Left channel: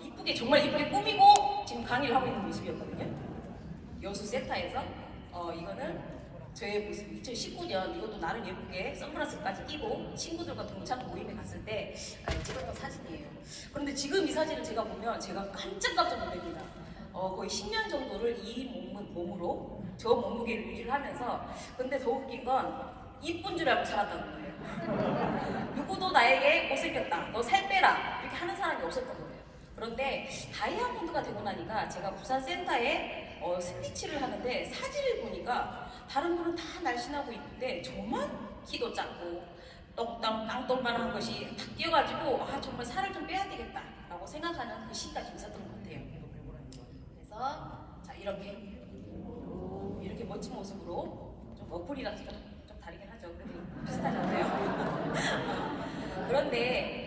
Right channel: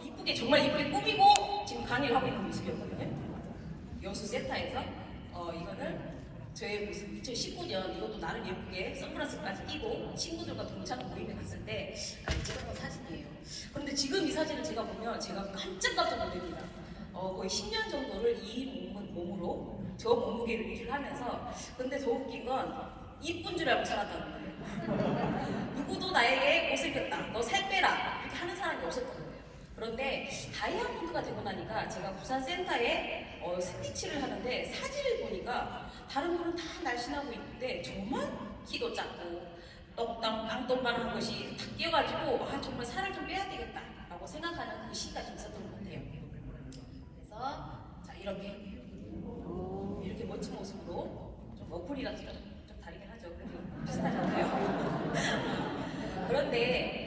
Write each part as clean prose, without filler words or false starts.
이쁘게 정말 이쁘게 꾸미고 지금 강의를 하고 있는 모습이었거든요. 여수센터에서 이거는 저의 모습 2019년 이것도 나름 예쁘게 선글라스까지 끼고 친구들과 동창 모임에 갔을 때 찍었던 사진이에요. 그런데 지금 이 사진을 제가 보면 제가 깜짝깜짝 놀랍니다. 거의 10년 정도를 이 몸으로 저 몸무게를 유지하면서 근데 더 웃긴 건 이쁜 줄 알고 살았다는 거예요. 누구도 나에게 못생겼다, 너 살 빼라 이렇게 하는 사람이 없었던 거예요. 그런데 다이아몬드가 되고 나니까 제가 부산 센터에 스피치를 하는데 사진을 보니까 다른 분은 다 날씬하고 있는데 저만 키도 작고 땅똥만한 것이 다 끼어가지고 정말 살을 좀 빼야 되겠다 라고 생각하는 그 시기가 좀 있었던 것 같아요. 그래서 자 이렇게 멋진 모습으로 좀 어플이랑 좀 다르긴 하죠. 그리고 비슷하잖아요. 그런데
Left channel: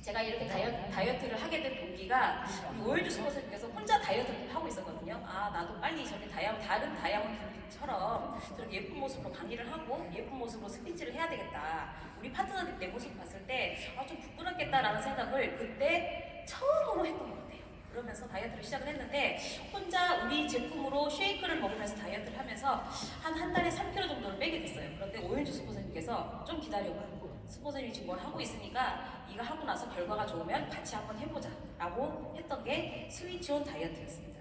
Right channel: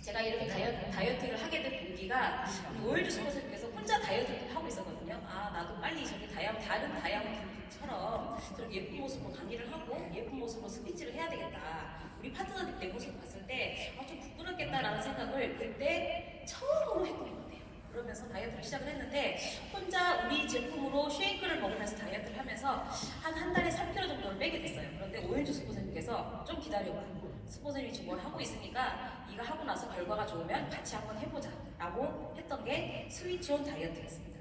제가 이렇게 다이어트를 하게 된 동기가 오일드 슈퍼스님께서 혼자 다이어트를 하고 있었거든요. 나도 빨리 저렇게 다른 다이아몬드처럼 저렇게 예쁜 모습으로 강의를 하고 예쁜 모습으로 스피치를 해야 되겠다. 우리 파트너들 내 모습을 봤을 때 좀 부끄럽겠다라는 생각을 그때 처음으로 했던 것 같아요. 그러면서 다이어트를 시작을 했는데 혼자 우리 제품으로 쉐이크를 먹으면서 다이어트를 하면서 한 달에 3kg 정도를 빼게 됐어요. 그런데 오일드 슈퍼스님께서 좀 기다려봐. 스포츠님이 지금 뭘 하고 있으니까 이거 하고 나서 결과가 좋으면 같이 한번 해보자 라고 했던 게 스위치온 다이어트였습니다.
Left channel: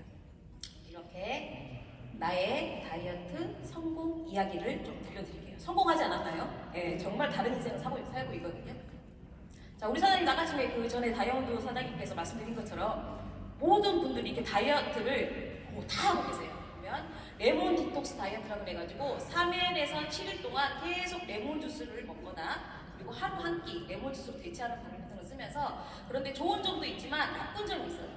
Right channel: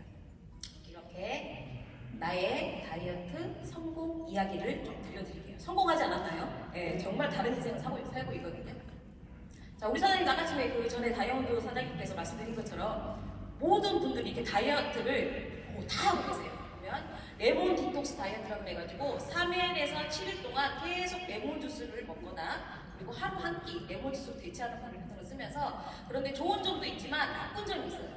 이렇게 나의 다이어트 성공 이야기를 좀 들려드릴게요. 성공하지 않았나요? 네, 정말 다른 인생을 살고 있거든요. 자, 우리 사장님 아까 그 전에 다이아몬드 사장님께서 말씀드린 것처럼 모든 분들이 이렇게 다이어트를 다 하고 계세요. 보면 레몬 디톡스 다이어트라고 해가지고 3일에서 7일 동안 계속 레몬 주스를 먹거나 그리고 하루 한 끼 레몬 주스로 대체하는 방법 같은 걸 쓰면서 그런데 좋은 점도 있지만 나쁜 점이 있어요.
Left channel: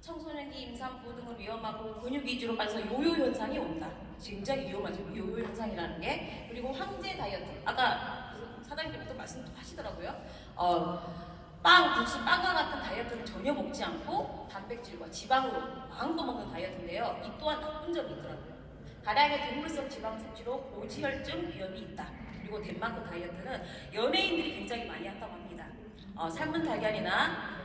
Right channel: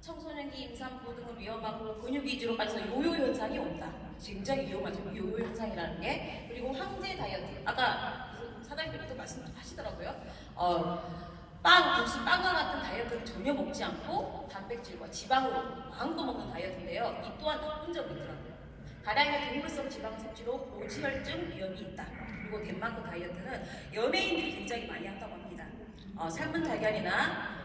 청소년기 임산부 등을 위험하고 근육 위주로 빠져서 요요 현상이 온다. 굉장히 위험하죠. 요요 현상이라는 게. 그리고 황제 다이어트. 아까 사장님께서 말씀하시더라고요. 빵, 국수, 빵과 같은 다이어트는 전혀 먹지 않고 단백질과 지방으로 마음껏 먹는 다이어트인데요. 이 또한 나쁜 점이 있더라고요. 다량의 동물성 지방 섭취로 고지혈증 위험이 있다. 그리고 덴마크 다이어트는 연예인들이 굉장히 많이 한다고 합니다. 삶은 달걀이나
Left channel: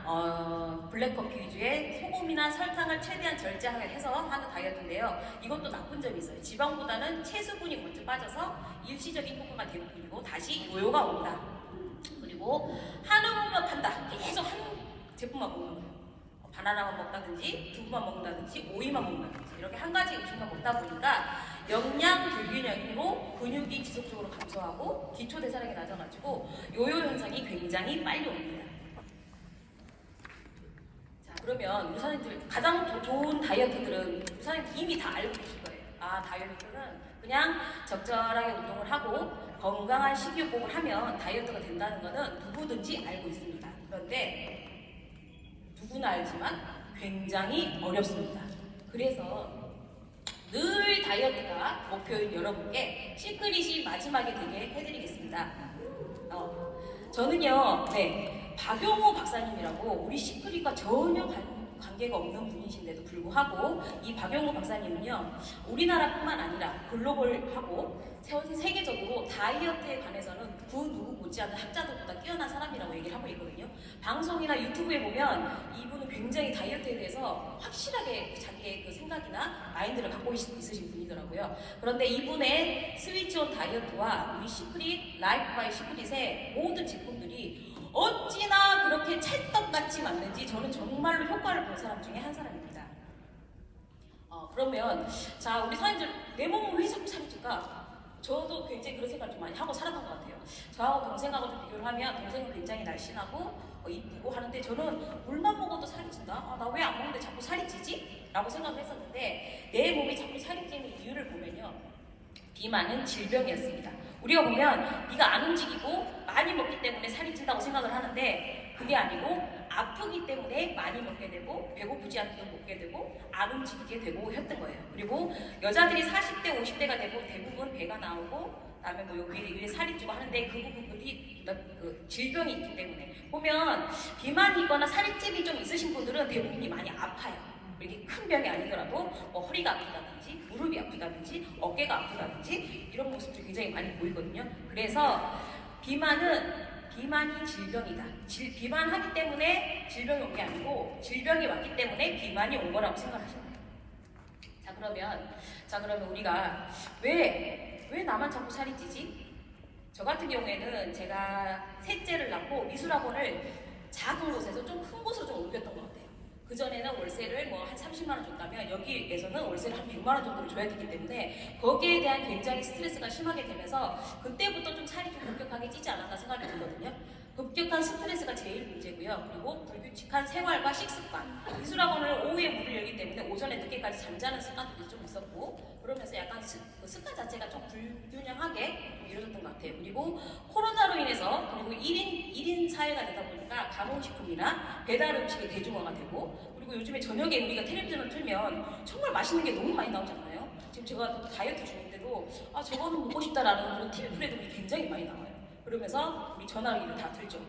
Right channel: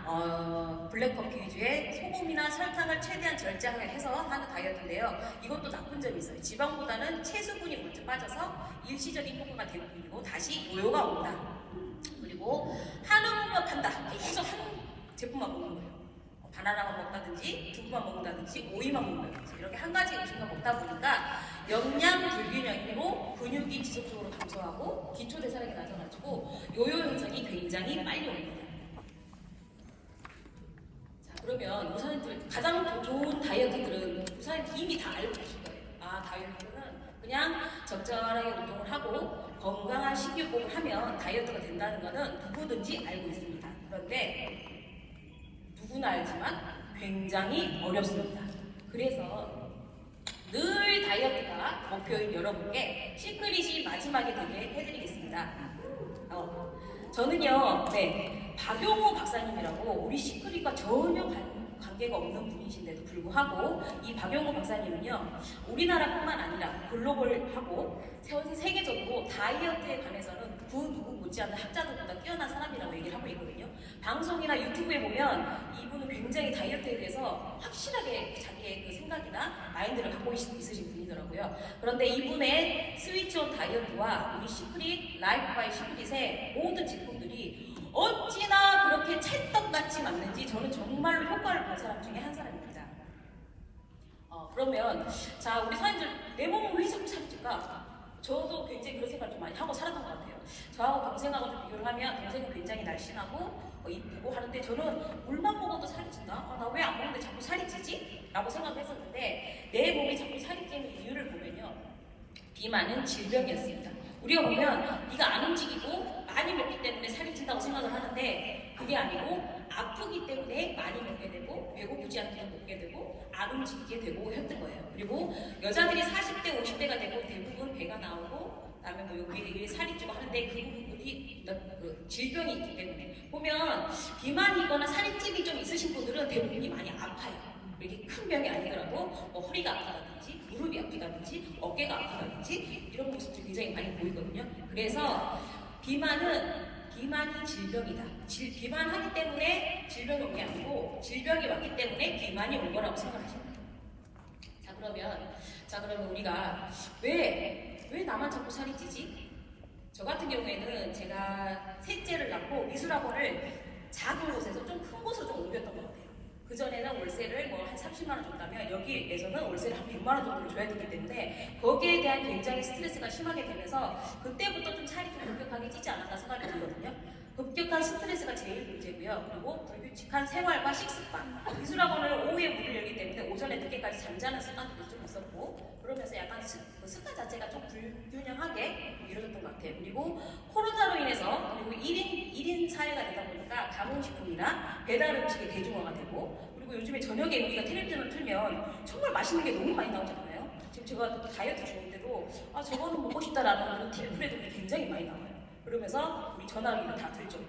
블랙커피 위주의 소금이나 설탕을 최대한 절제해서 하는 다이어트인데요. 이것도 나쁜 점이 있어요. 지방보다는 체수분이 먼저 빠져서 일시적인 효과가 되고 다시 요요가 온다. 그리고 한우만 판다. 계속 한 제품만 먹는 거예요. 바나나만 먹다든지 두부만 먹는다든지 오이만 먹는다든지 이렇게 한 가지 음식만 먹다 보니까 영양 불균형으로 근육이 지속적으로 감소하고 기초대사량이 낮아가지고 요요 현상이 굉장히 빨리 옵니다. 자, 그러면 우리 사장님들 가장 좋은 다이어트들은 우리 사장님들 이미 다 알고 계실 거예요. 다이어트는 그냥 적절하게 운동을 하고 건강한 식이요법을 하면 다이어트가 된다는 것은 누구든지 알고 있습니다. 그런데 누구나 알지만 굉장히 어렵습니다. 그래서 늘 다이어트가 목표인 여러분께 시크릿이 마지막에 되게 해드리겠습니다. 저는요, 박용호 박사님이라고 우리 시크릿과 전혀 관계가 없는 분이신데도 불구하고 이 박용호 박사님은요, 우리나라뿐만 아니라 글로벌하고 전 세계적으로 다이어트에 관해서는 그 누구 못지않은 학자들보다 뛰어난 사람이라고 얘기를 하고 있거든요. 방송이나 유튜브에 보면 이분은 굉장히 다이어트에 대해서 확실하게 자기의 그 생각이나 마인드를 갖고 있으신 분이더라고요. 그런데 이분의 스위치온 다이어트와 우리 시크릿, 라이프 바이 시크릿의 모든 제품들이 어찌나 그렇게 찰떡같이 맞는지 저는 정말로 효과를 본 사람 중에 한 사람입니다. 그러면 자, 우리 사람들 내 몸을 왜 자꾸 살이 찔까? 저도 굉장히 그런 생각을 좀 많이 하고 살았던 것 같아요. 저하고 동생하고 좀 비교를 하면 동생은 굉장히 날씬하고 이쁘고 하는데 저는 물만 먹어도 살이 찐다? 나 왜 안 먹는데 자꾸 살이 찌지? 라고 생각을 했었는데 내 몸이 자꾸 살이 찌는 이유를 보면요, 비만은 질병이었습니다. 우리가 보면 네가 안 움직이고 많이 먹기 때문에 살이 찐다고 생각을 하는데 그게 아니고 아프기 때문에 많이 먹게 되고 배고프지 않도록 먹게 되고 안 움직이게 되고 했던 거예요. 그리고 여자들이 40대, 50대가 되고 대부분 배가 나오고 그다음에 여기 살이 찌고 하는데 그 부분이 질병이 있기 때문에 보면 비만이거나 살이 찌기 좀 있으신 분들은 대부분이 많이 아파요. 이렇게 큰 병이 아니더라도 허리가 아프다든지 무릎이 아프다든지 어깨가 아프다든지 이런 모습들이 굉장히 많이 보이거든요. 그래서 비만은 비만이 질병이다. 비만하기 때문에 질병이 온 게 아니고 질병이 왔기 때문에 비만이 온 거라고 생각하세요. 자 그러면 우리가 왜 나만 자꾸 살이 찌지? 저 같은 경우에는 제가 셋째를 낳고 미술학원을 작은 곳에서 좀 큰 곳으로 좀 옮겼던 것 같아요. 그전에는 월세를 뭐 한 30만 원 줬다면 여기에서는 월세를 한 100만 원 정도를 줘야 되기 때문에 거기에 대한 굉장히 스트레스가 심하게 되면서 그때부터 좀 살이 좀 급격하게 찌지 않았나 생각이 들거든요. 급격한 스트레스가 제일 문제고요. 그리고 불규칙한 생활과 식습관. 미술학원을 오후에 문을 열기 때문에 오전에 늦게까지 잠자는 습관도 좀 있었고 그러면서 약간 습관 자체가 좀 불균형하게 이루어졌던 것 같아요. 그리고 코로나로 인해서 그리고 1인 사회가 되다 보니까 가공식품이나 배달 음식이 대중화가 되고 그리고 요즘에 저녁에 우리가 텔레비전을 틀면 정말 맛있는 게 너무 많이 나오잖아요. 지금 제가 또 다이어트 중인데도 저거는 먹고 싶다라는 그런 TV 프로그램이 굉장히 많이 나와요. 그러면서 우리 전화기를 다 들죠.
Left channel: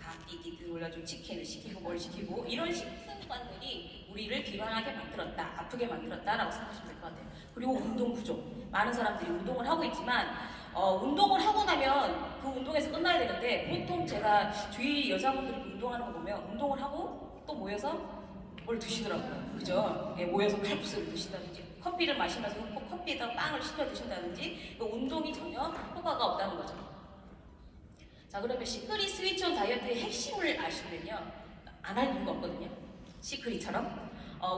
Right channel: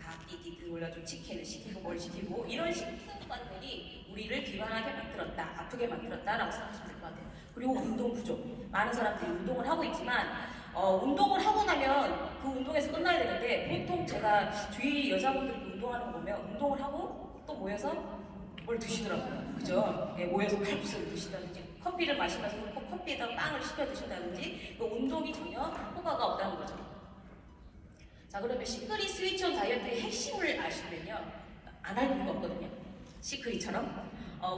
다 띠띠띠 올려주고 치킨을 시키고 뭘 시키고 이런 식습관들이 우리를 비만하게 만들었다, 아프게 만들었다라고 생각하시면 될 것 같아요. 그리고 운동 부족. 많은 사람들이 운동을 하고 있지만 운동을 하고 나면 그 운동에서 끝나야 되는데 보통 제가 주위 여자분들이 운동하는 거 보면 운동을 하고 또 모여서 뭘 드시더라고요. 그죠? 네, 모여서 칼국수를 드신다든지 커피를 마시면서 커피에다 빵을 시켜 드신다든지 운동이 전혀 효과가 없다는 거죠. 자 그러면 시크릿 스위트온 다이어트의 핵심을 아시면요 안 할 이유가 없거든요. 시크릿처럼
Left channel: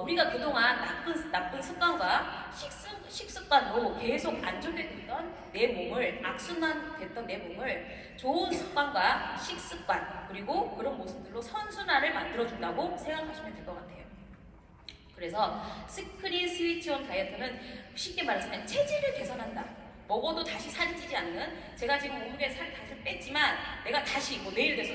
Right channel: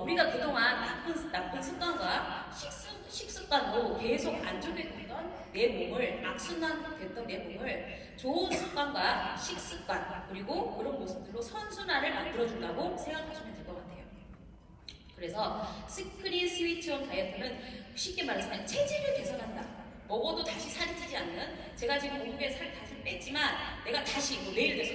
우리가 그동안 나쁜 습관과 식습관으로 계속 안 좋게 됐던 내 몸을 악순환 됐던 내 몸을 좋은 습관과 식습관 그리고 그런 모습들로 선순환을 만들어준다고 생각하시면 될 것 같아요. 그래서 시크릿 스위트온 다이어트는 쉽게 말해서 그냥 체질을 개선한다. 먹어도 다시 살이 찌지 않는 제가 지금 몸무게 살 다시 뺐지만 내가 다시 내일 돼서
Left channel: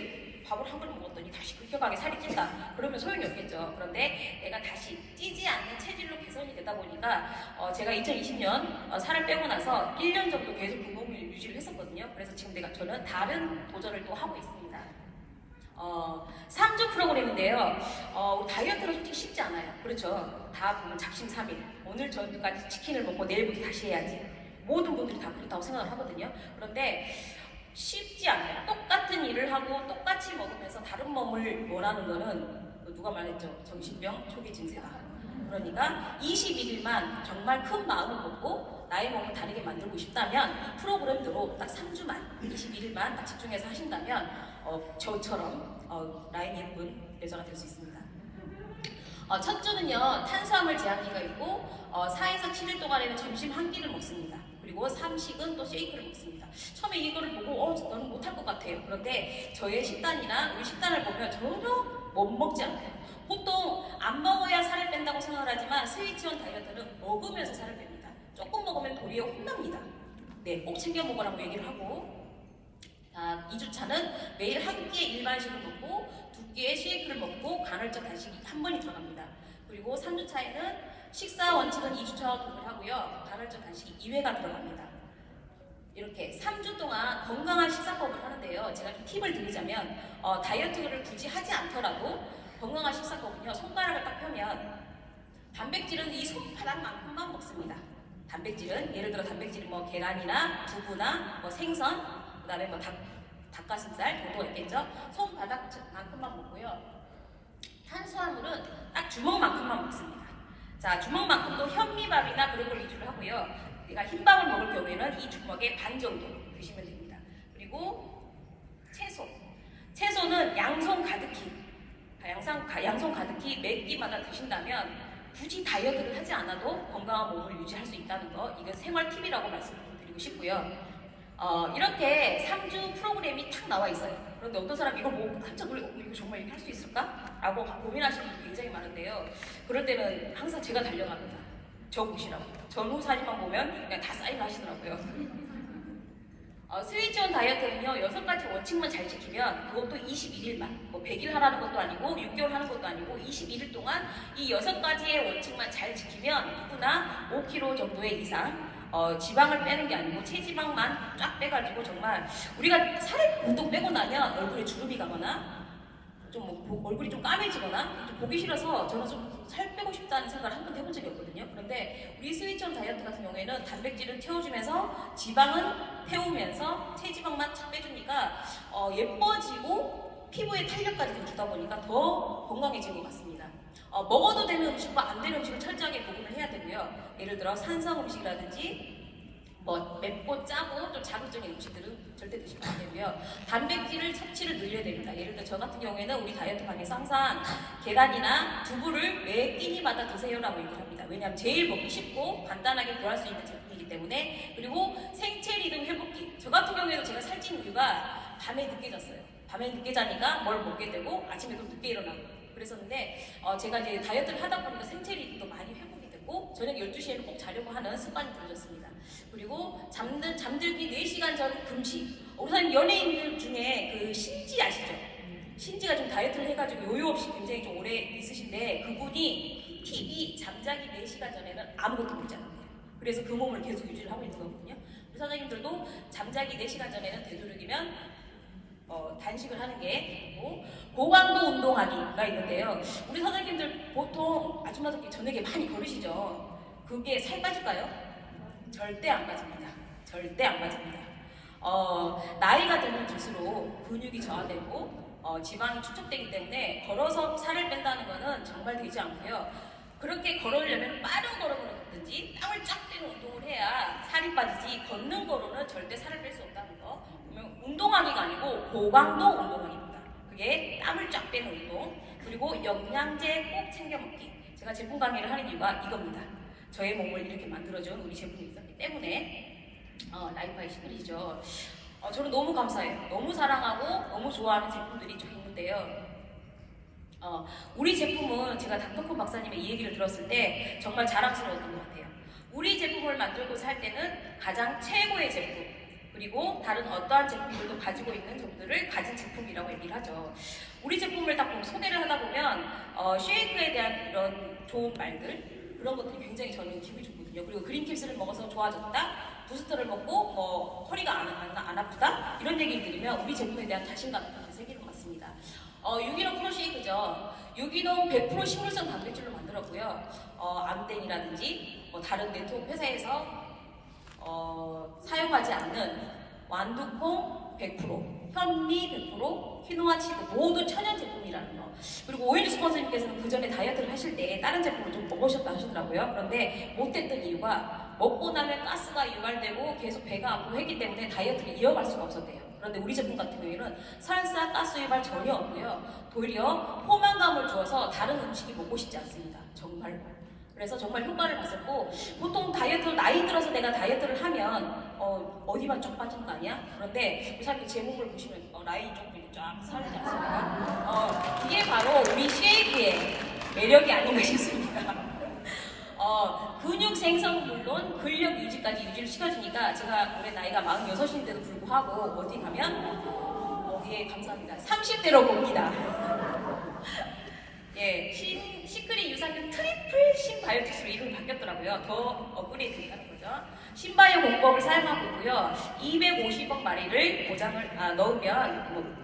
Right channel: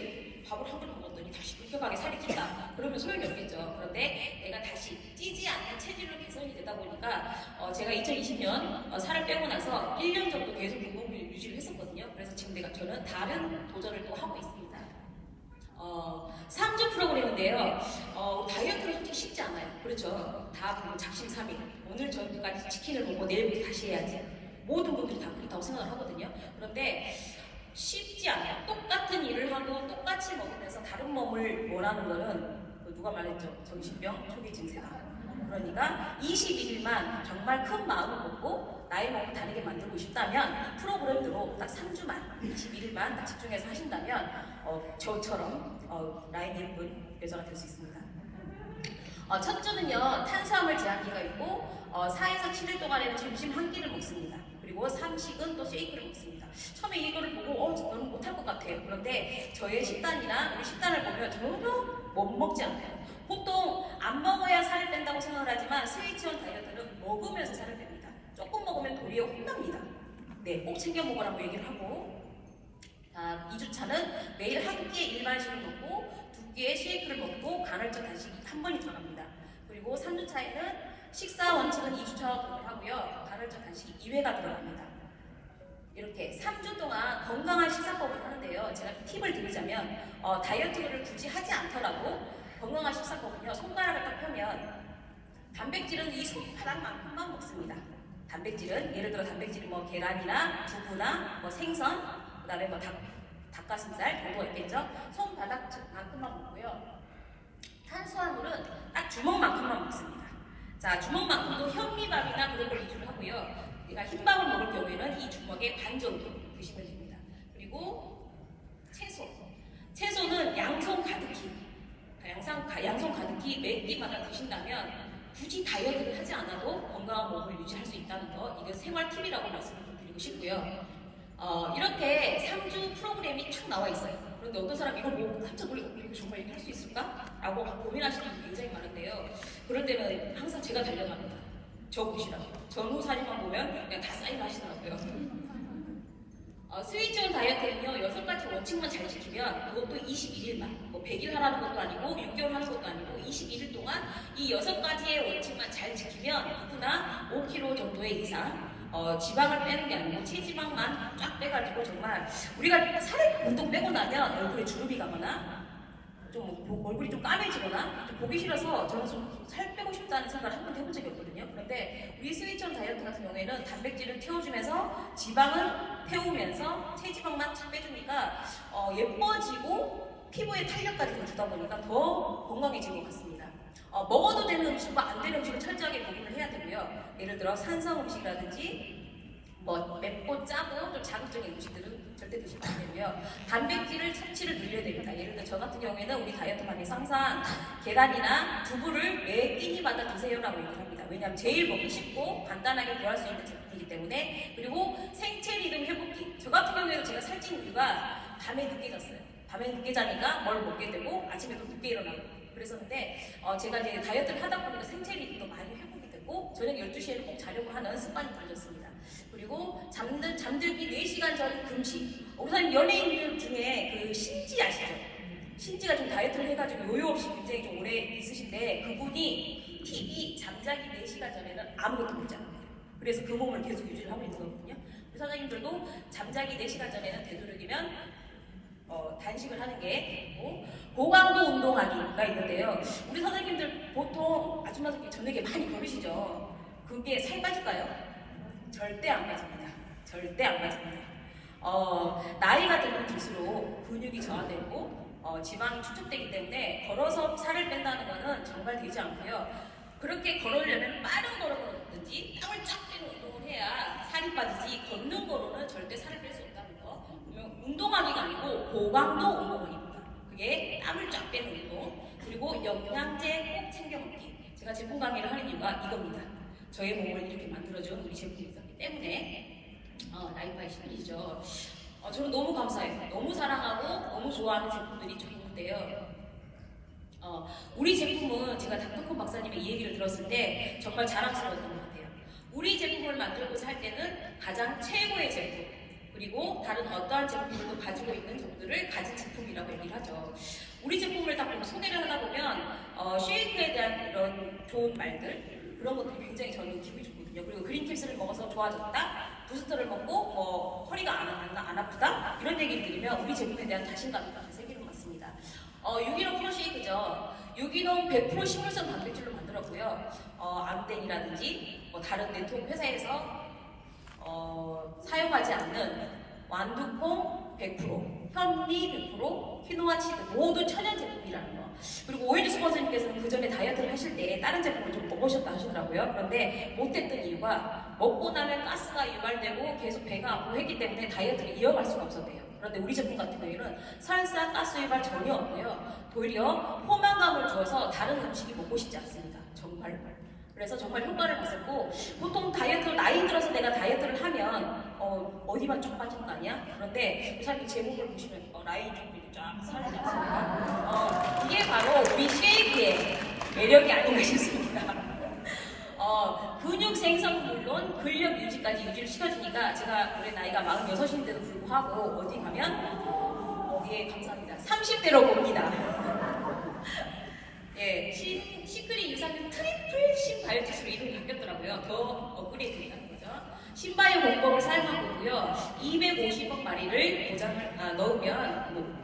밥을 한 그릇 먹었더니 다시 급격하게 살이 찐다. 그러면 소용이 없겠죠. 그런데 내가 다시 찌지 않는 체질로 개선이 되다 보니까 제가 2020년 살을 빼고 나서 1년 정도 계속 그 몸을 유지를 했었거든요. 그래서 지금 저는 다른 도전을 또 하고 있습니다. 3주 프로그램인데요. 다이어트는 솔직히 쉽지 않아요. 그렇죠. 다 보면 작심삼일. 오늘 저녁까지 치킨을 먹고 내일부터 다시 해야지. 모든 분들이 다 그렇다고 생각을 하거든요. 그런데 쉽지 않아요. 똑같은 일을 하고 똑같이 먹으면서 다른 몸을 원하는 거는 누가 말했죠? 정신병 초기 증세다. 그러니까 21일만 정말 큰 마음을 먹고 나의 몸을 다르게 만들고 싶다면 프로그램대로 딱 3주만 21일만 딱 집중해서 하신다면 저처럼 나의 예쁜 여자가 될 수 있습니다. 첫 주는요 탄수화물 제한기가 있고 4에서 7일 동안에는 점심 한 끼를 먹습니다. 그리고 삼식은 또 쉐이크를 먹습니다. 처음에 이거를 보고 너는 못할 것 같아요. 그런데 저의 식단이나 우리 식단을 보면 전혀 못 먹지 않아요. 보통 안 먹어야 살을 뺀다고 생각을 하지만 스위트온 다이어트는 먹으면서 살을 뺍니다. 조금 먹으면 도리어 혼납니다. 네, 꼭 챙겨 먹으라고 얘기를 하고 2주차는 매일 한 끼의 일반식을 먹고 2끼의 쉐이크를 먹고 간헐적 단식이 한 번이 들어갑니다. 그리고 3주차에는 식사 원칙은 2주차와 동일하고요. 간헐적 단식이 2회가 들어갑니다. 이렇게 3주 동안 건강한 식사법을 하는데요. 제가 좀 팁을 드리자면 다이어트를 굳이 하지 않더라도 건강한 식사법은요. 손가락을 딱 펴면 단백질은 이 손바닥만큼만 먹습니다. 단백질은 예를 들어 단백질이 계란이나 두부나 생선 그다음에 닭가슴살 도도가 있겠죠. 손바닥만큼만 먹고요. 탄수화물은 딱 주먹만큼만 먹습니다. 자, 주먹만큼도 현미밥이나 그런 걸 위주로 하고요. 내가 흰밥을 먹을 경우에는 이 주먹의 반 정도 드시면 됩니다. 그리고 채소는 양손 가득히 양손 가득히 매 끼마다 드신다면 굳이 다이어트를 하지 않아도 건강한 몸을 유지할 수 있다는 거 이건 생활 팁이라고 말씀을 드리고 싶고요. 이렇게 3주 프로그램이 탁 나와 있어요. 그런데 어떤 사람 이거 보고 깜짝 놀라고 이거 정말 이렇게 할 수 있을까? 라고 고민하시는 분이 굉장히 많은데요. 그럴 때는 항상 제가 달려갑니다. 저 보시라고. 전후 사진만 보면 그냥 다 사인 하시더라고요. 스위트온 다이어트는요 6가지 원칙만 잘 지키면 그것도 21일만 100일 하라는 것도 아니고 6개월 하는 것도 아니고 21일 동안 이 6가지의 원칙만 잘 지키면 누구나 5kg 정도의 이상 지방을 빼는 게 아니고 체지방만 쫙 빼가지고 정말 우리가 살을 보통 빼고 나면 얼굴에 주름이 가거나 얼굴이 좀 까매지거나 좀 보기 싫어서 저는 좀 살 빼고 싶다는 생각을 한 번도 해본 적이 없거든요. 그런데 우리 스위처럼 다이어트 같은 경우에는 단백질을 태워주면서 지방은 태우면서 체지방만 착 빼주니까 예뻐지고 피부에 탄력까지 좀 주다 보니까 더 건강해진 것 같습니다. 먹어도 되는 음식과 안 되는 음식을 철저하게 구분을 해야 되고요. 예를 들어 산성 음식이라든지 맵고 짜고 좀 자극적인 음식들은 절대 드시면 안 되고요. 단백질을 섭취를 늘려야 됩니다. 예를 들어 저 같은 경우에는 우리 다이어트 방에서 항상 계란이나 두부를 매 끼니마다 드세요라고 얘기를 합니다. 왜냐하면 제일 먹기 쉽고 간단하게 구할 수 있는 제품이기 때문에. 그리고 생체 리듬 회복기. 저 같은 경우에는 제가 살찐 이유가 밤에 늦게 잤어요. 밤에 늦게 자니까 뭘 먹게 되고 아침에도 늦게 일어나고 그랬었는데 제가 이제 다이어트를 하다 보니까 생체 리듬도 많이 회복이 되고 저녁 12시에는 꼭 자려고 하는 습관이 들어졌습니다. 그리고 잠들기 4시간 전 금식. 우리 사람 연예인들 중에 그 신지 아시죠? 신지가 좀 다이어트를 해가지고 요요 없이 굉장히 좀 오래 있으신데 그분이 TV 잠자기 4시간 전에는 아무것도 먹지 않아요. 그래서 그 몸을 계속 유지를 하고 있는 거거든요. 우리 사장님들도 잠자기 4시간 전에는 되도록이면 단식을 하는 게 있고 고강도 운동하기가 있는데요. 우리 사장님들 보통 아줌마들끼리 저녁에 많이 걸으시죠? 그게 살 빠질까요? 절대 안 빠집니다. 절대 안 빠집니다. 나이가 들면 들수록 근육이 저하되고 지방이 축적되기 때문에 걸어서 살을 뺀다는 것은 정말 되지 않고요. 그렇게 걸으려면 빠른 걸음으로든지 땀을 쫙 빼는 운동을 해야 살이 빠지지 걷는 거로는 절대 살을 뺄 수 없다는 거. 그러면 운동하기가 아니고 고강도 운동하기입니다. 그게 땀을 쫙 빼는 운동 그리고 영양제 꼭 챙겨 먹기. 제가 제품 강의를 하는 이유가 이겁니다. 저의 몸을 이렇게 만들어준 우리 제품이 있었기 때문에 라이파의 시그니죠. 저는 너무 감사해요. 너무 사랑하고 너무 좋아하는 제품들이 좀 있는데요. 우리 제품은 제가 닥터콘 박사님의 이 얘기를 들었을 때 정말 자랑스러웠던 것 같아요. 우리 제품을 만들고 살 때는 가장 최고의 제품 그리고 다른 어떠한 제품들도 가지고 있는 점들을 가진 제품이라고 얘기를 하죠. 우리 제품을 딱 소개를 하다 보면 쉐이크에 대한 이런 좋은 말들 그런 것들이 굉장히 저는 기분이 좋거든요. 그리고 그린tips를 먹어서 좋아졌다, 부스터를 먹고 허리가 안 아프다 이런 얘기를 들으면 우리 제품에 대한 자신감이 생기는 것 같습니다. 유기농 프로쉐이크죠. 유기농 100% 식물성 단백질로 만들었고요. 암땡이라든지 다른 네트워크 회사에서 사용하지 않는 완두콩 100%, 현미 100%, 키노아 치즈 모두 천연 제품이라는 거. 그리고 오일즈 스폰서님께서는 그 전에 다이어트를 하실 때 다른 제품을 좀 먹으셨다 하시더라고요. 그런데 못했던 이유가 먹고 나면 가스가 유발되고 계속 배가 아프고 했기 때문에 다이어트를 이어갈 수가 없었대요. 그런데 우리 제품 같은 경우에는 설사 가스 유발 전혀 없고요. 도리어 포만감을 주어서 다른 음식이 먹고 싶지 않습니다. 정말로. 그래서 정말 효과를 봤었고 보통 다이어트 나이 들어서 내가 다이어트를 하면 어디만 쭉 빠지는 거 아니야? 그런데 이 사람이 제 몸을 보시면 라인이 조금 쫙 살지 않습니까? 이게 바로 우리 쉐이크의 매력이 아닌가 싶습니다. 근육 생성 물론 근력 유지까지 유지를 시켜주니까 제가 올해 나이가 46인데도 불구하고 어디 가면 예 감사합니다. 30대로 봅니다. 예, 시크릿 유산균 트리플 신바이오틱스로 이름이 바뀌었더라고요. 더 업그레이드 하는 거죠. 신바이오 공법을 사용하고 있고요. 250억 마리를 넣으면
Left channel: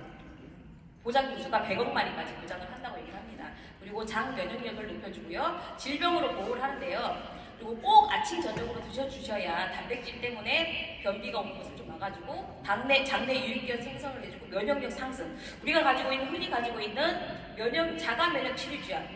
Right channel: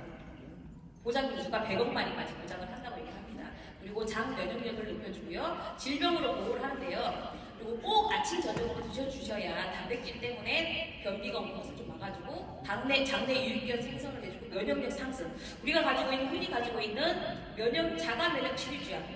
보장 기수가 100억 마리까지 보장을 한다고 얘기합니다. 그리고 장 면역력을 높여주고요. 질병으로 보호를 하는데요. 그리고 꼭 아침 저녁으로 드셔주셔야 단백질 때문에 변비가 오는 것을 좀 막아주고 장내 유익균 생성을 해주고 면역력 상승. 우리가 흔히 가지고 있는 자가 면역 치료제약,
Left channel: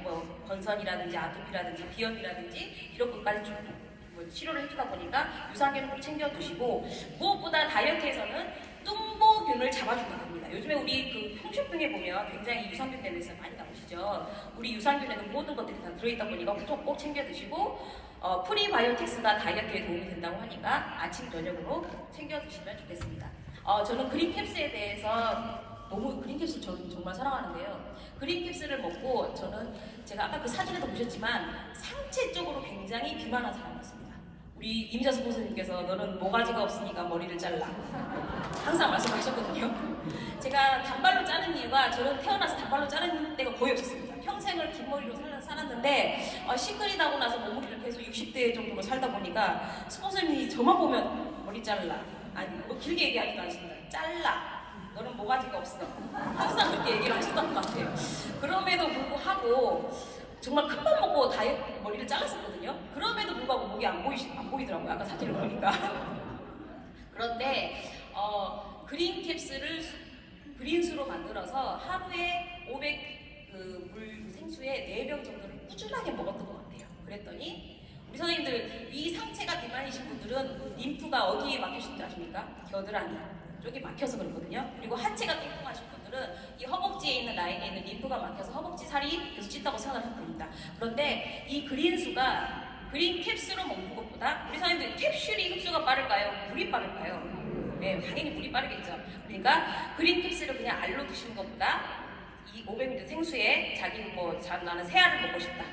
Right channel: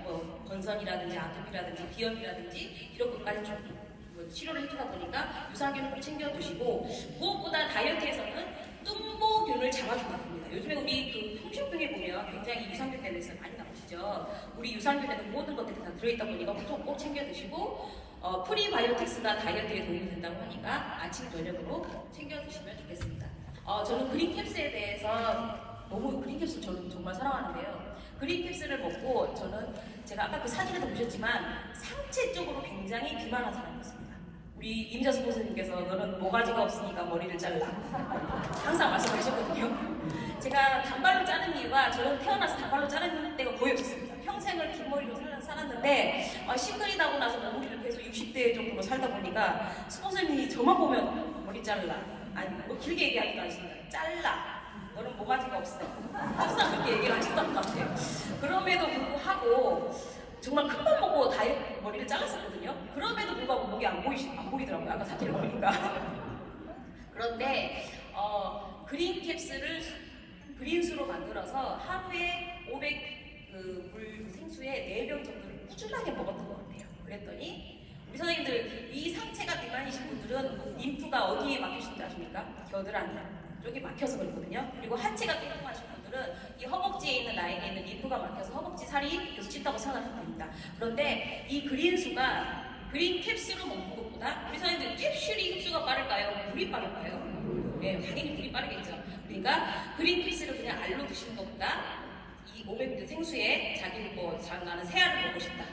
건선이라든지 아토피라든지 비염이라든지 이런 것까지 좀 치료를 해주다 보니까 유산균을 꼭 챙겨 드시고 무엇보다 다이어트에서는 뚱보균을 잡아준다고 합니다. 요즘에 우리 홈쇼핑에 보면 굉장히 유산균 때문에 많이 나오시죠. 우리 유산균에는 모든 것들이 다 들어있다 보니까 꼭 챙겨 드시고 프리바이오틱스가 다이어트에 도움이 된다고 하니까 아침 저녁으로 챙겨 드시면 좋겠습니다. 저는 그린캡스에 대해서 그린캡스 저는 정말 사랑하는데요. 그린캡스를 먹고 제가 아까 그 사진에도 보셨지만 상체적으로 굉장히 비만한 사람이었습니다. 우리 이미자 스포츠님께서 너는 모가지가 없으니까 머리를 잘라 항상 말씀하셨거든요. 제가 단발로 자른 이유가 저는 태어나서 단발로 자른 때가 거의 없었습니다. 평생을 긴 머리로 살았는데 시크릿하고 나서 몸무게를 계속 60대 정도로 살다 보니까 스포츠님이 저만 보면 머리 잘라 길게 얘기하지도 않습니다. 잘라 너는 모가지가 없어 항상 그렇게 그렇게 얘기를 하셨던 것 같아요. 그럼에도 불구하고 정말 큰 맘 먹고 다이어트 머리를 잘랐었거든요. 그럼에도 불구하고 목이 안 보이더라고요. 아까 사진을 보니까. 그런데 그린캡슐을 그린수로 만들어서 하루에 500물 생수에 4병 정도를 꾸준하게 먹었던 것 같아요. 그랬더니 우리 선생님들 이 상체가 비만이신 분들은 림프가 어디에 막히신 줄 아십니까? 겨드랑이 쪽이 막혀서 그렇거든요. 그리고 하체가 뚱뚱하신 분들은 이 허벅지에 있는 라인에 있는 림프가 막혀서 허벅지 살이 계속 찐다고 생각을 합니다. 그런데 이 그린 캡슐로 먹는 것보다 우리 선생님들 캡슐이 흡수가 빠를까요? 물이 빠를까요? 네, 당연히 물이 빠르겠죠. 그러니까 그린 캡슐을 그냥 알로 드시는 것보다 이 500ml 생수에 자기 나는 세 알을 먹고 싶다.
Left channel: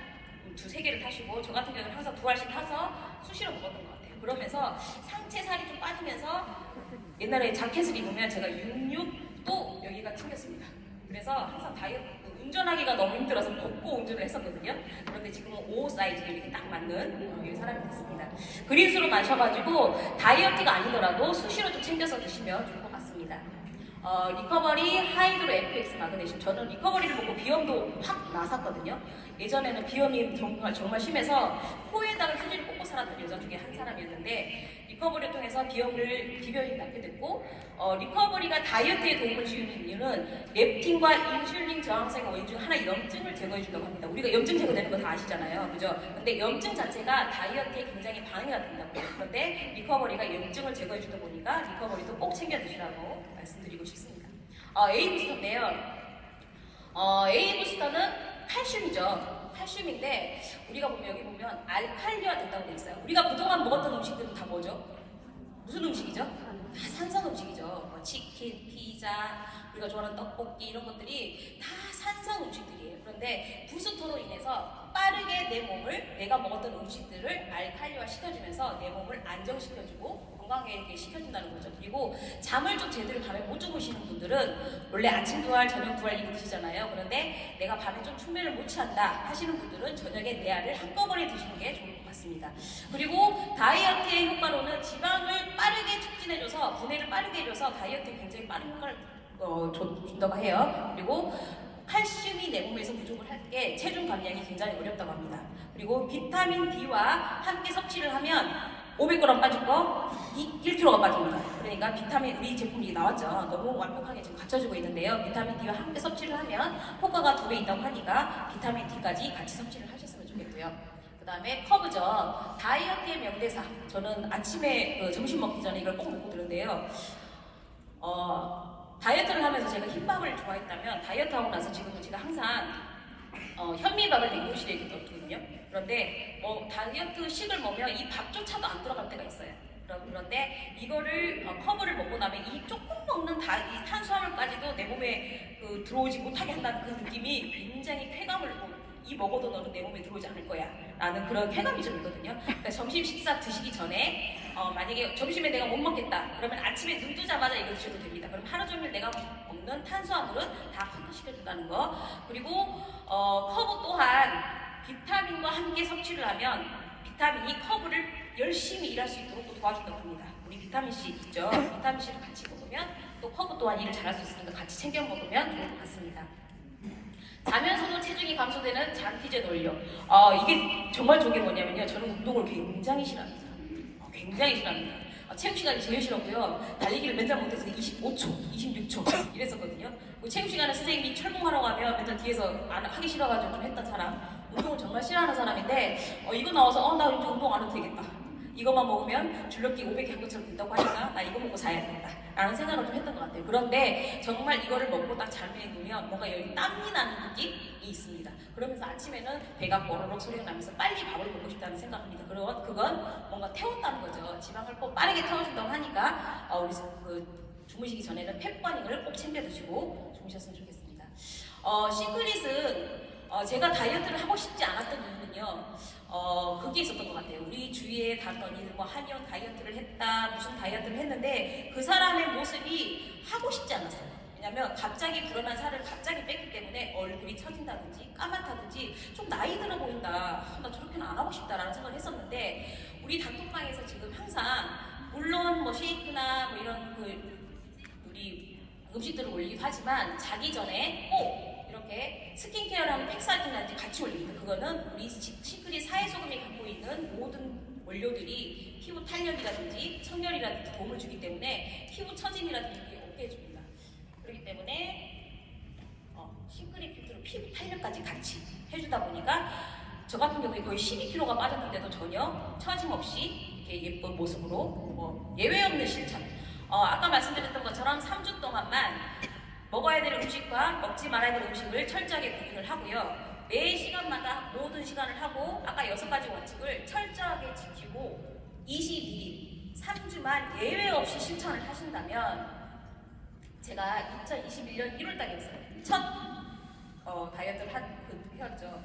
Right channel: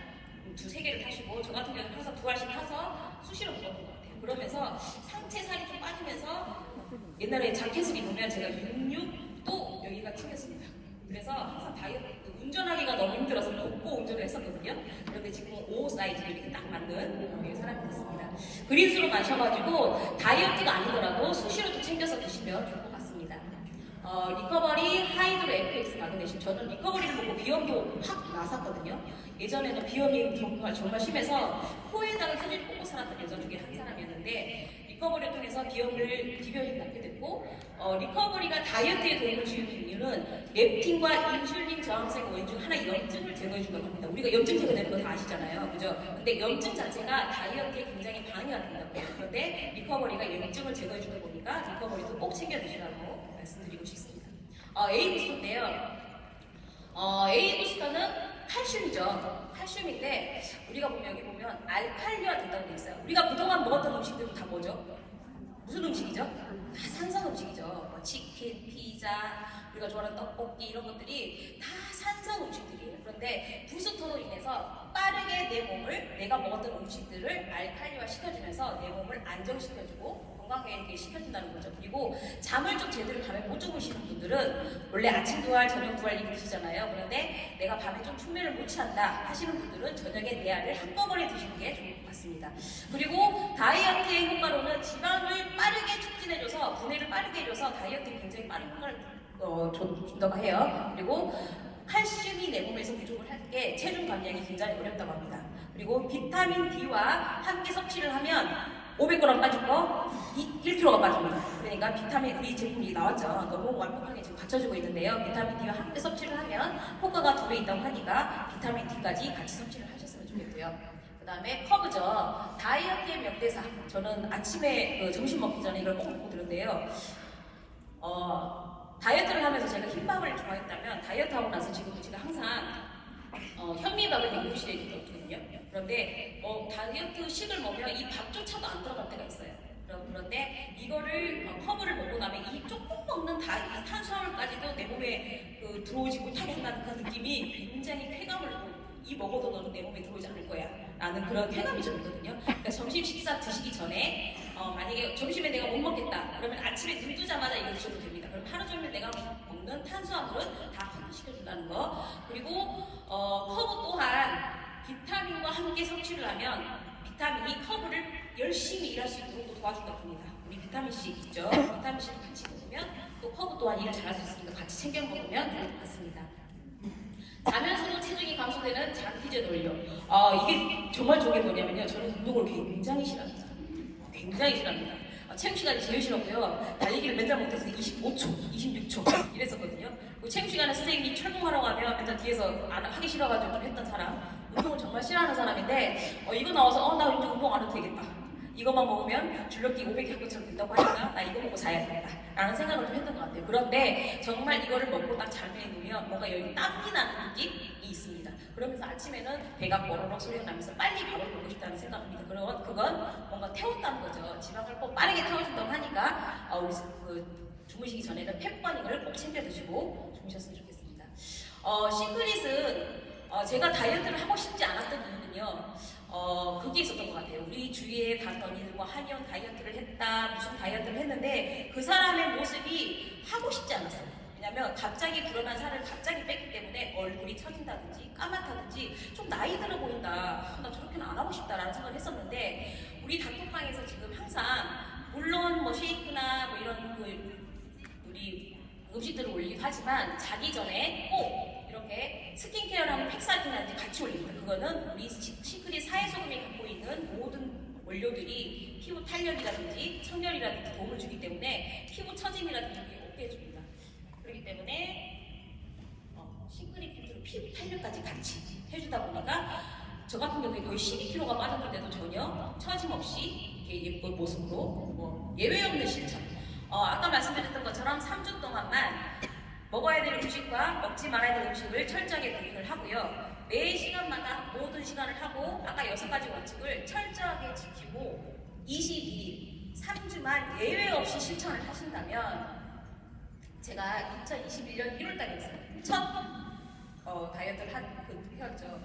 2-3개를 타시고 저 같은 경우는 항상 2알씩 타서 수시로 먹었던 것 같아요. 그러면서 상체 살이 좀 빠지면서 옛날에 자켓을 입으면 제가 66도 여기가 튕겼습니다. 그래서 항상 운전하기가 너무 힘들어서 벗고 운전을 했었거든요. 그런데 지금은 5 사이즈를 이렇게 딱 맞는 사람이 됐습니다. 그린수로 마셔가지고 다이어트가 아니더라도 수시로 좀 챙겨서 드시면 좋을 것 같습니다. 리커버리 하이드로 FX 마그네슘. 저는 리커버리를 먹고 비염도 확 나섰거든요. 예전에는 비염이 정말 심해서 코에다가 휴지를 꽂고 살았던 여자 중에 한 사람이었는데 리커버리를 통해서 기변이 낫게 됐고 리커버리가 다이어트에 도움을 주는 이유는 렙틴과 인슐린 저항성 원인 중 하나의 염증을 제거해준다고 합니다. 우리가 염증 제거되는 거 다 아시잖아요. 그죠? 근데 염증 자체가 다이어트에 굉장히 방해가 된다고요. 그런데 리커버리가 염증을 제거해주다 보니까 리커버리도 꼭 챙겨 드시라고 말씀드리고 싶습니다. A 부스터인데요. A 부스터는 칼슘이죠. 칼슘인데 우리가 여기 보면 알칼리화 된다고 돼 있어요. 우리가 그동안 먹었던 음식들이 다 뭐죠? 무슨 음식이죠? 다 산성 음식이죠. 뭐 치킨, 피자, 우리가 좋아하는 떡볶이 이런 것들이 다 산성 음식들이에요. 그런데 부스터로 인해서 빠르게 내 몸을 내가 먹었던 음식들을 알칼리화 시켜주면서 내 몸을 안정시켜주고 건강하게 시켜준다는 거죠. 그리고 잠을 좀 제대로 밤에 못 주무시는 분들은 원래 아침 2알, 저녁 2알 이렇게 드시잖아요. 그런데 내가 밤에 좀 숙면을 못 취한다 하시는 분들은 저녁에 4알을 한꺼번에 드시는 게 좋을 것 같습니다. 그리고 다이어트의 효과로는 지방을 빠르게 촉진해줘서 분해를 빠르게 해줘서 다이어트에 굉장히 빠른 효과를 준다고 해요. 그리고 칼슘이 내 몸에서 부족을 할 때 체중 감량이 굉장히 어렵다고 합니다. 그리고 비타민 D와 함께 섭취를 하면 500g 빠질 거 1kg가 빠집니다. 그러니까 비타민 우리 제품이 나왔죠. 너무 완벽하게 지금 갖춰지고 있는데요. 비타민 D와 함께 섭취를 하면 효과가 2배 있다고 하니까 비타민 D까지 같이 섭취를 하셨으면 좋겠고요. 그 다음에 커브죠. 다이어트의 명대사. 저는 아침에 점심 먹기 전에 이걸 꼭 먹고 들었는데요. 다이어트를 하면서 제가 흰밥을 좋아했다면 다이어트하고 나서 지금도 제가 항상 현미밥을 냉동실에 넣거든요. 그런데 다이어트식을 먹으면 이 밥조차도 안 들어갈 때가 있어요. 그런데 이거를 커브를 먹고 나면 이 조금 먹는 이 탄수화물까지도 내 몸에 들어오지 못하게 한다는 그 느낌이 굉장히 쾌감을 이 먹어도 너는 내 몸에 들어오지 않을 거야 라는 그런 쾌감이 좀 있거든요. 그러니까 점심 식사 드시기 전에 만약에 점심에 내가 못 먹겠다 그러면 아침에 눈 뜨자마자 이거 드셔도 됩니다. 그럼 하루 종일 내가 먹는 탄수화물은 다 흡수시켜준다는 거. 그리고 커브 또한 비타민과 함께 섭취를 하면 비타민이 커브를 열심히 일할 수 있도록 도와준다고 합니다. 우리 비타민C 있죠? 비타민C를 같이 먹으면 또 커브 또한 일을 잘할 수 있으니까 같이 챙겨 먹으면 좋을 것 같습니다. 자면서도 체중이 감소되는 장기제 논력. 이게 정말 좋은 게 뭐냐면요. 저는 운동을 굉장히 싫어합니다. 굉장히 싫어합니다. 체육 시간이 제일 싫었고요. 달리기를 맨날 못해서 25초, 26초 이랬었거든요. 체육 시간에 선생님이 철봉하러 가면 맨날 뒤에서 하기 싫어가지고 좀 했던 사람. 운동을 정말 싫어하는 사람인데 이거 나와서 나 이제 운동 안 해도 되겠다. 이것만 먹으면 줄넘기 500개 할 것처럼 된다고 하니까 나 이거 먹고 자야겠다 라는 생각을 좀 했던 것 같아요. 그런데 정말 이거를 먹고 딱 잠에 누면 뭔가 여기 땀이 나는 느낌이 있습니다. 그러면서 아침에는 배가 뽀로록 소리가 나면서 빨리 밥을 먹고 싶다는 생각입니다. 그건 뭔가 태웠다는 거죠. 지방을 꼭 빠르게 태워준다고 하니까 우리 주무시기 전에는 팩버닝을 꼭 챙겨 드시고 주무셨으면 좋겠습니다. 시크릿은 제가 다이어트를 하고 싶지 않았던 이유는요. 그게 있었던 것 같아요. 우리 주위에 다른 언니들 한의원 다이어트를 했다, 무슨 다이어트를 했는데 그 사람의 모습이 하고 싶지 않았어요. 왜냐면 갑자기 불어난 살을 갑자기 뺐기 때문에 얼굴이 처진다든지 까맣다든지 좀 나이 들어 보인다. 나 저렇게는 안 하고 싶다라는 생각을 했었는데 우리 단톡방에서 지금 항상 물론 쉐이크나 이런 우리 음식들을 올리기도 하지만 자기 전에 꼭 이렇게 스킨케어랑 팩사이팅까지 같이 올립니다. 그거는 우리 시크릿 사회소금이 갖고 있는 모든 원료들이 피부 탄력이라든지 청결이라든지 도움을 주기 때문에 피부 처짐이라든지 없게 해줍니다. 그렇기 때문에 시크릿 뷰티로 피부 탄력까지 같이 해주다 보니까 저 같은 경우에 거의 12kg가 빠졌는데도 전혀 처짐 없이 이렇게 예쁜 모습으로 예외 없는 실천. 아까 말씀드렸던 것처럼 3주 동안만 먹어야 될 음식과 먹지 말아야 될 음식을 철저하게 구분을 하고요. 매 시간마다 모든 시간을 하고 아까 6가지 원칙을 철저하게 지키고 22일, 3주만 예외 없이 실천을 하신다면 제가 2021년 1월달이었어요. 첫 다이어트를 했죠.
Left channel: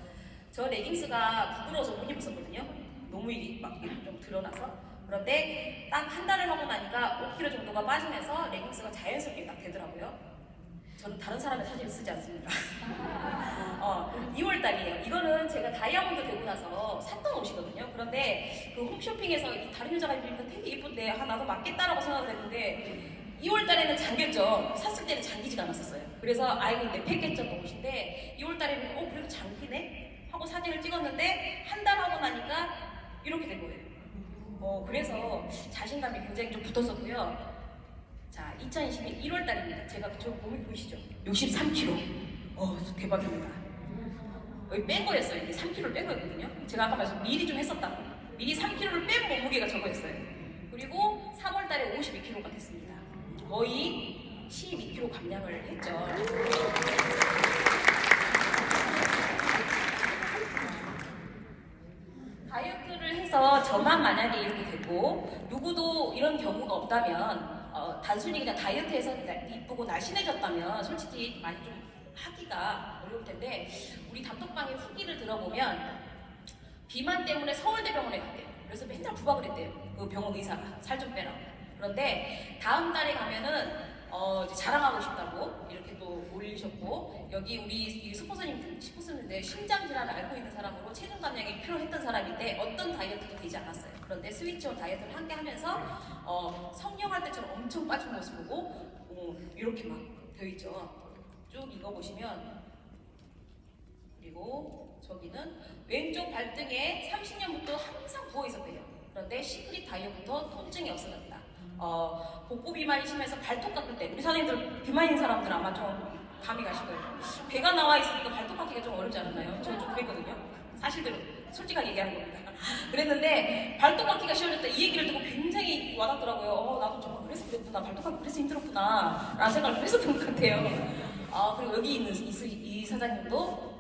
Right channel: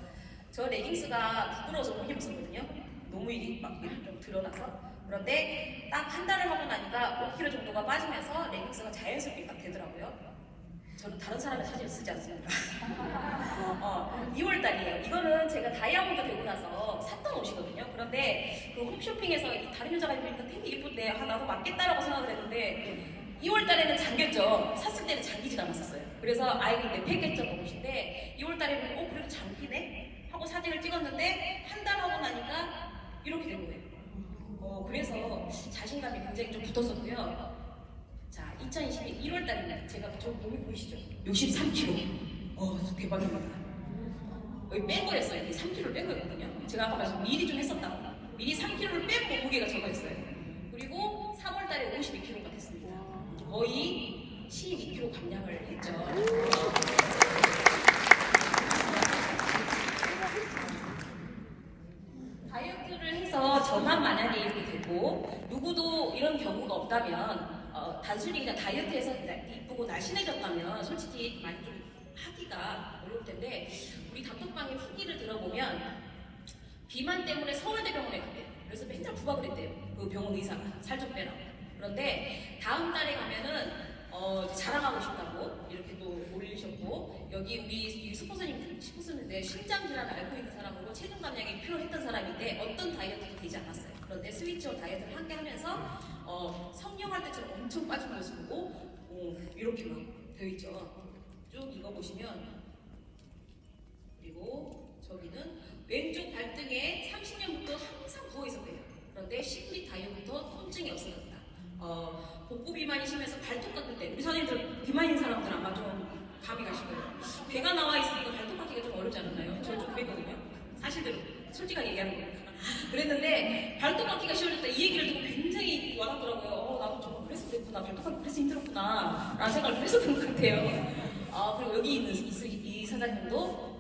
저 레깅스가 부끄러워서 못 입었거든요. 너무 이게 막 좀 드러나서. 그런데 딱 한 달을 하고 나니까 5kg 정도가 빠지면서 레깅스가 자연스럽게 딱 되더라고요. 저는 다른 사람의 사진을 쓰지 않습니다. 2월달이에요. 이거는 제가 다이아몬드 되고 나서 샀던 옷이거든요. 그런데 그 홈쇼핑에서 이 다른 여자가 입으니까 되게 예쁜데 나도 맞겠다라고 생각을 했는데 2월달에는 잠겼죠. 샀을 때는 잠기지가 않았었어요. 그래서 이거 내패겠던 옷인데 2월달에는 그래도 잠기네? 하고 사진을 찍었는데 한 달 하고 나니까 이렇게 된 거예요. 그래서 자신감이 굉장히 좀 붙었었고요. 자, 2020년 1월달입니다. 제가 저 몸이 보이시죠? 63kg. 대박입니다. 여기 뺀 거였어요. 이게 3kg를 뺀 거였거든요. 제가 아까 말씀 미리 좀 했었다고. 미리 3kg를 뺀 몸무게가 저거였어요. 그리고 3월달에 52kg가 됐습니다. 거의 12kg 감량을 했죠. 다이어트를 해서 저만 만약에 이렇게 되고 누구도 이런 경우가 없다면 단순히 그냥 다이어트해서 이쁘고 날씬해졌다면 솔직히 많이 좀 하기가 어려울 텐데 우리 단톡방의 후기를 들어보면 비만 때문에 서울대병원에 갔대요. 그래서 맨날 부박을 했대요. 그 병원 의사가 살 좀 빼라. 그런데 다음 달에 가면은 이제 자랑하고 싶다고 이렇게 또 올리셨고 여기 우리 스포츠님 싶었는데 심장 질환을 앓고 있는 사람으로 체중 감량이 필요했던 사람인데 어떤 다이어트도 되지 않았어요. 그런데 스위치온 다이어트를 함께 하면서 성령할 때처럼 엄청 빠진 모습 보고 이렇게 막 되어 있죠. 쭉 이거 보시면 그리고 저기는 왼쪽 발등에 30년부터 항상 부어 있었대요. 그런데 시크릿 다이어트부터 통증이 없어졌다. 복부 비만이 심해서 발톱 깎을 때 우리 선생님들 비만인 사람들 아마 좀 감이 가실 거예요. 배가 나와 있으니까 발톱 깎기가 좀 어렵지 않았나요? 저는 좀 그랬거든요. 사실대로 솔직하게 얘기하는 겁니다. 그랬는데 발톱 깎기가 시험했다 이 얘기를 듣고 굉장히 와닿더라고요. 나도 정말 그래서 그랬구나. 발톱 깎기 그래서 힘들었구나 라는 생각을 했었던 것 같아요. 그리고 여기 있는 이 사장님도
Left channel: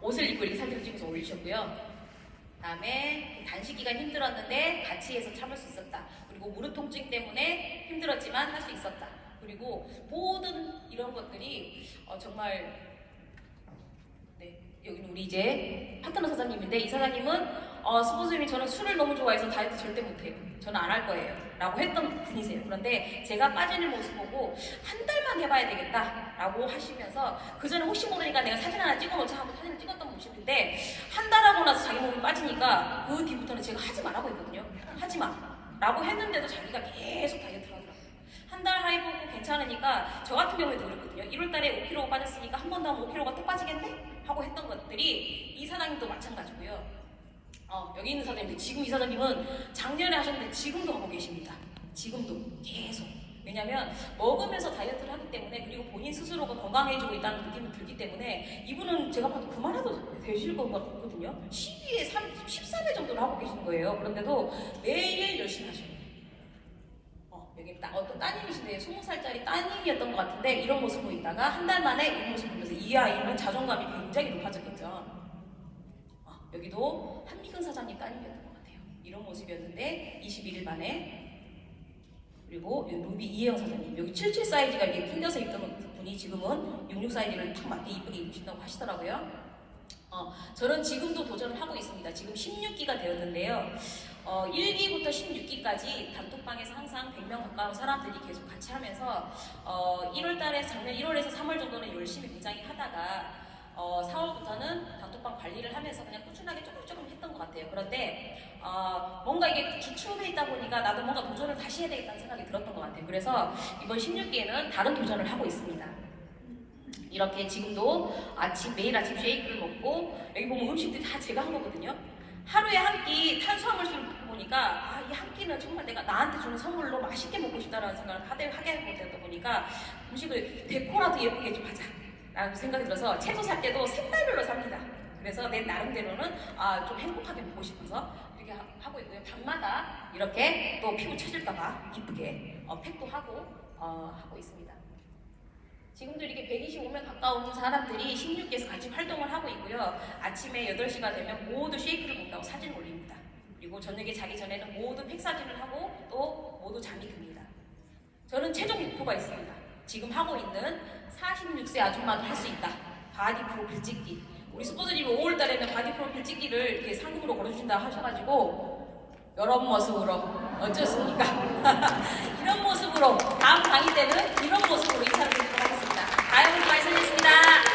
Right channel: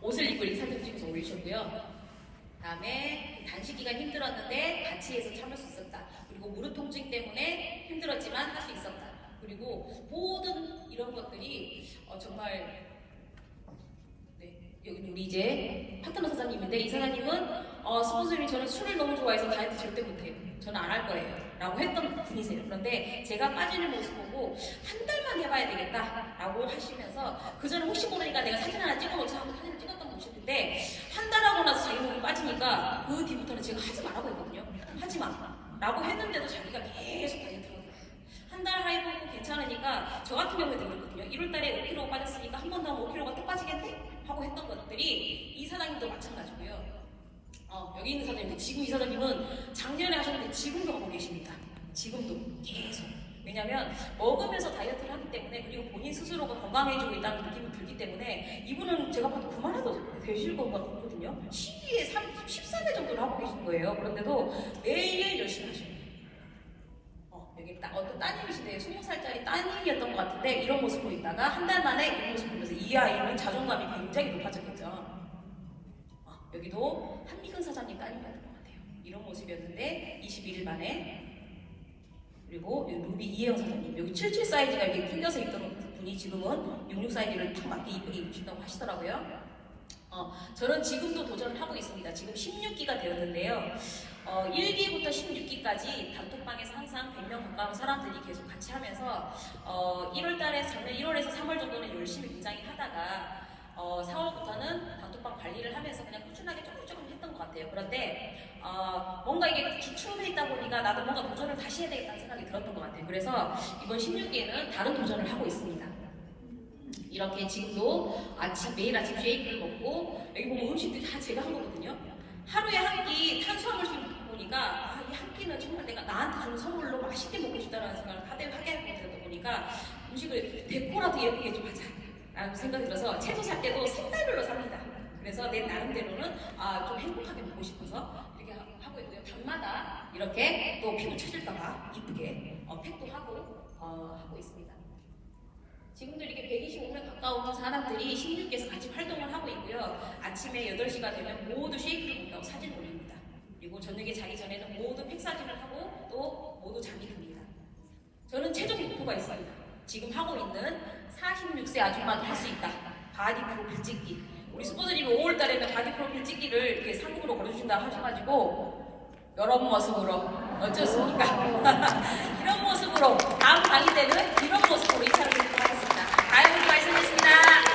옷을 입고 이 사진을 찍어서 올리셨고요. 다음에 단식 기간 힘들었는데 같이 해서 참을 수 있었다. 그리고 무릎 통증 때문에 힘들었지만 할 수 있었다. 그리고 모든 이런 것들이 정말 여기는 우리 이제 파트너 사장님인데 이 사장님은 스포츠님이 저는 술을 너무 좋아해서 다이어트 절대 못해요. 저는 안 할 거예요. 라고 했던 분이세요. 그런데 제가 빠지는 모습 보고 한 달만 해봐야 되겠다 라고 하시면서 그 전에 혹시 모르니까 내가 사진 하나 찍어놓자 하고 사진을 찍었던 모습인데 한 달 하고 나서 자기 몸이 빠지니까 그 뒤부터는 제가 하지 말라고 했거든요. 하지 마 라고 했는데도 자기가 계속 다이어트를 하더라고요. 한 달 해보고 괜찮으니까 저 같은 경우에도 그랬거든요. 1월달에 5kg 빠졌으니까 한 번 더 하면 5kg가 또 빠지겠네? 하고 했던 것들이 이 사장님도 마찬가지고요. 여기 있는 사장님, 지금 이 사장님은 작년에 하셨는데 지금도 하고 계십니다. 지금도 계속. 왜냐면 먹으면서 다이어트를 하기 때문에 그리고 본인 스스로가 건강해지고 있다는 느낌이 들기 때문에 이분은 제가 봐도 그만해도 되실 것 같거든요. 12에 14배 정도를 하고 계신 거예요. 그런데도 매일 열심히 하셔요. 여기 어떤 따님이신데 20살짜리 따님이었던 것 같은데 이런 모습 보이다가 한 달 만에 이런 모습 보면서 이 아이는 자존감이 굉장히 높아졌겠죠. 여기도 한미근 사장님 따님이었던 것 같아요. 이런 모습이었는데 21일 만에. 그리고 루비 이혜영 사장님, 여기 77 사이즈가 이렇게 풀려서 있던 분이 지금은 66 사이즈를 딱 맞게 이쁘게 입으신다고 하시더라고요. 저는 지금도 도전을 하고 있습니다. 지금 16기가 되었는데요. 1기부터 16기까지 단톡방에서 항상 100명 가까운 사람들이 계속 같이 하면서 1월달에 작년 1월에서 3월 정도는 열심히 굉장히 하다가 4월부터는 단톡방 관리를 하면서 그냥 꾸준하게 조금 했던 것 같아요. 그런데 뭔가 이게 기초에 있다 보니까 나도 뭔가 도전을 다시 해야 되겠다는 생각이 들었던 것 같아요. 그래서 이번 16기에는 다른 도전을 하고 있습니다. 이렇게 지금도 매일 아침 쉐이크를 먹고, 여기 보면 음식들이 다 제가 한 거거든요. 하루에 한 끼 탄수화물을 보니까 이 한 끼는 정말 내가 나한테 주는 선물로 맛있게 먹고 싶다라는 생각을 하게 되다 보니까 음식을 데코라도 예쁘게 좀 하자 라는 생각이 들어서 채소 살 때도 색깔별로 삽니다. 그래서 내 나름대로는 좀 행복하게 먹고 싶어서 이렇게 하고 있고요. 밤마다 이렇게 또 피부 처질까봐 이쁘게 팩도 하고 있습니다. 지금도 이렇게 125명 가까운 사람들이 16기에서 같이 활동을 하고 있고요. 아침에 8시가 되면 모두 쉐이크를 먹다고 사진을 올립니다. 그리고 저녁에 자기 전에는 모두 팩사진을 하고 또 모두 잠이 듭니다. 저는 최종 목표가 있습니다. 지금 하고 있는 46세 아줌마도 할 수 있다. 바디 프로필 찍기. 우리 스포츠님이 5월달에는 바디 프로필 찍기를 이렇게 상금으로 걸어주신다 하셔가지고 이런 모습으로 어쩌습니까? 이런 모습으로 다음 강의 때는 이런 모습으로 인사를 드리도록 하겠습니다. 다영이 말씀드렸습니다.